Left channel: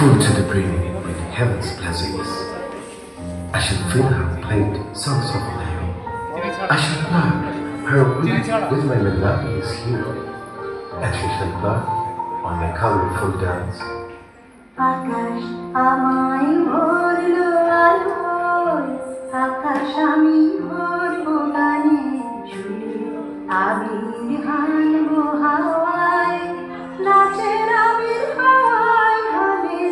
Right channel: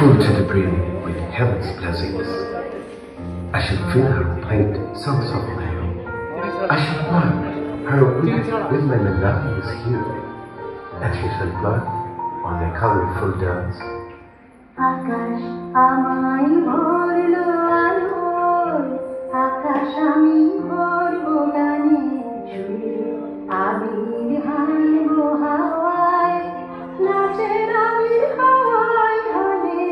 full to the brim with heaven's blessings. I shall fill her plate songs of my own. I shall plug her wit with my melodious hue, and she shall plug on my colorful dance. আকাশ আমায় ভরলো আলোয়, আকাশ আমি ভরবো গানে, সুরে আবির হানবো হাওয়ায়, নাচের আবির হাওয়ায় হানে।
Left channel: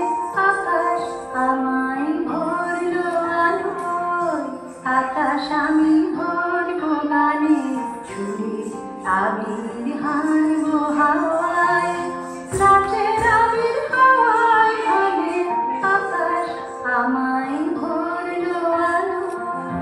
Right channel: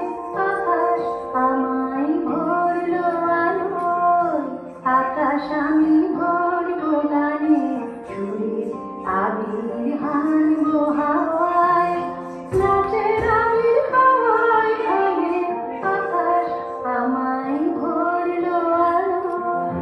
আকাশ আমায় ভরলো আলোয়, আকাশ আমি ভরবো গানে, সুরে আবির হানবো হাওয়ায়, নাচের আবির হাওয়ায় হানে। আকাশ আমায় ভরলো আলোয়।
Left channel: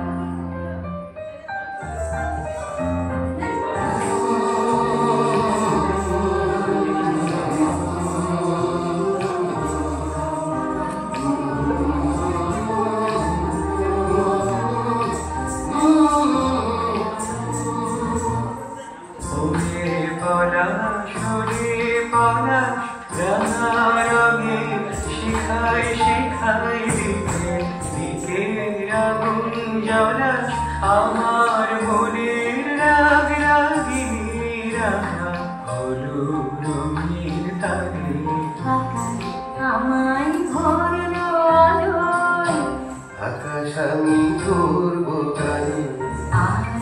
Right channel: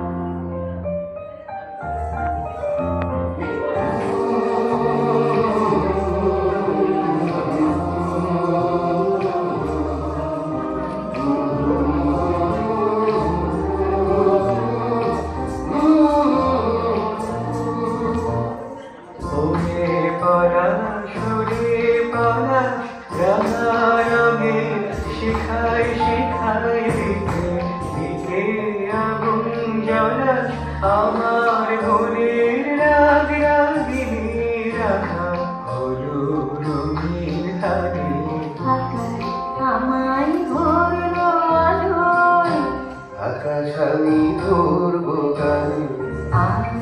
আমার মনের রাগ রাগিনী রাখা হলো রঙিন ধারে। আকাশ আমায় ভরলো আলোয়, আকাশ আমি ধরবো গানে, আজ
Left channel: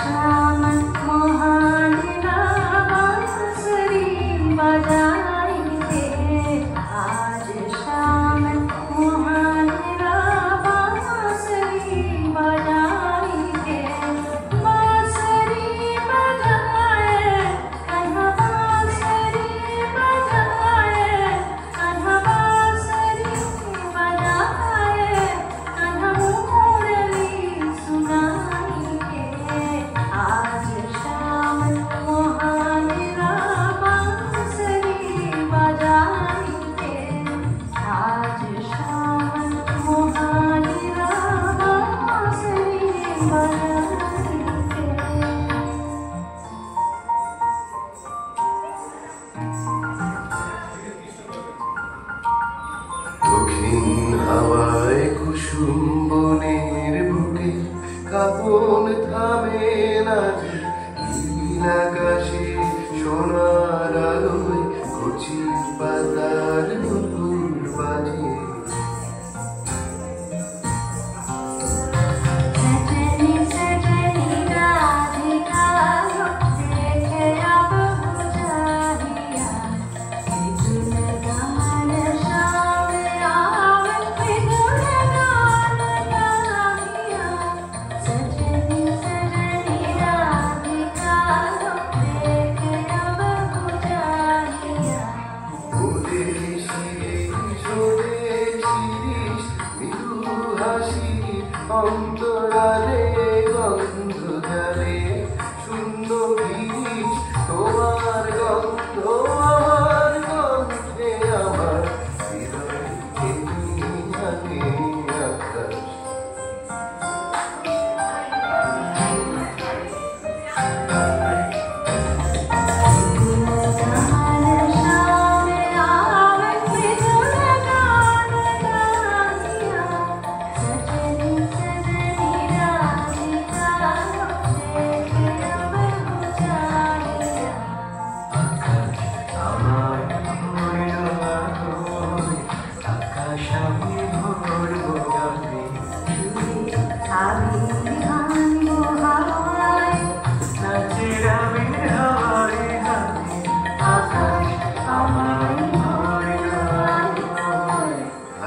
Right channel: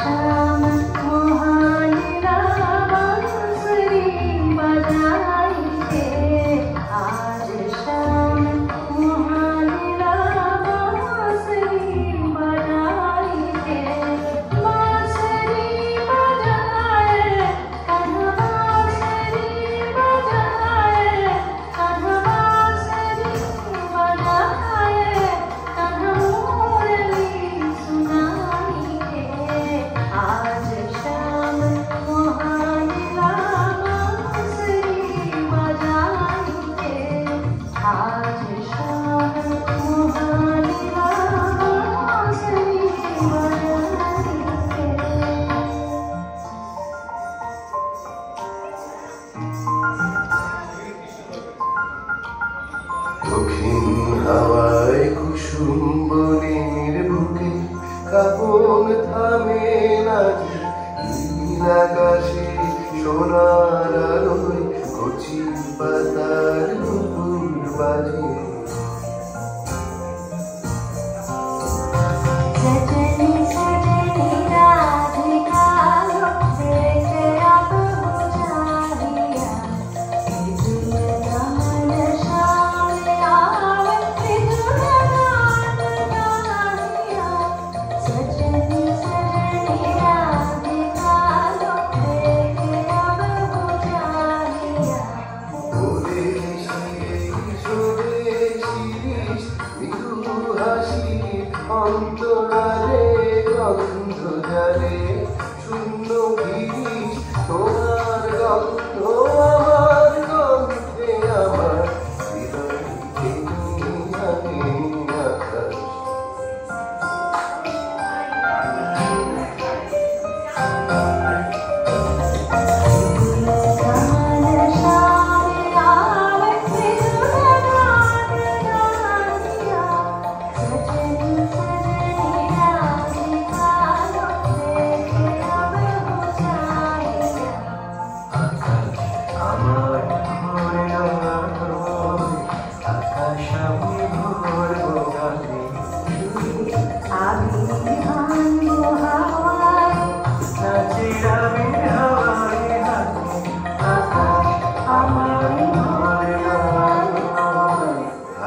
শাম মহানীরা বাঁশরি বাজাইতে, আজ শাম মহানীরা বাঁশরি বাজাইতে। বাঁশরি বাজায় কান্হা, বাঁশরি বাজায় কান্হা, বাঁশরি বাজায় কান্হা, মুরলি সুনাইতে। আজ শাম মহানীরা বাঁশরি বাজাইতে, আজ শাম মহানীরা বাঁশরি বাজাইতে। দক্ষিণ হাওয়ায় কুসুম বনের বুকে কাপন থামে না যে, নীল আকাশে সোনার আলোয় কচি পাতার নুপুর বাজে। सजनी सजनी राधिका देखे अब बुझारिया, विजुल गान शाम आवन, विजुल गान गाहिया। सजनी सजनी राधिका देखे अब बुझारिया। ওদের শিরে সরে শিরিষ মৃদু হাসি, অন্তরালে গন্ধ জালে শূন্য গিরিশ, তোমার গন্ধ আমার কণ্ঠে, আমার হৃদয়কে নিয়ে আকাশ। আকাশ আমার ভরলো আলোয়, আকাশ আমি ভরবো গানে, নাচের আবির হাওয়ায় হানে। আকাশ আমার ভরলো আলোয়,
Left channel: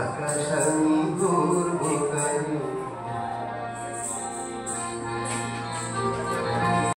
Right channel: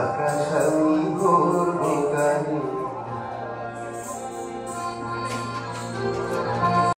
আকাশ আমি ভরবো গানে।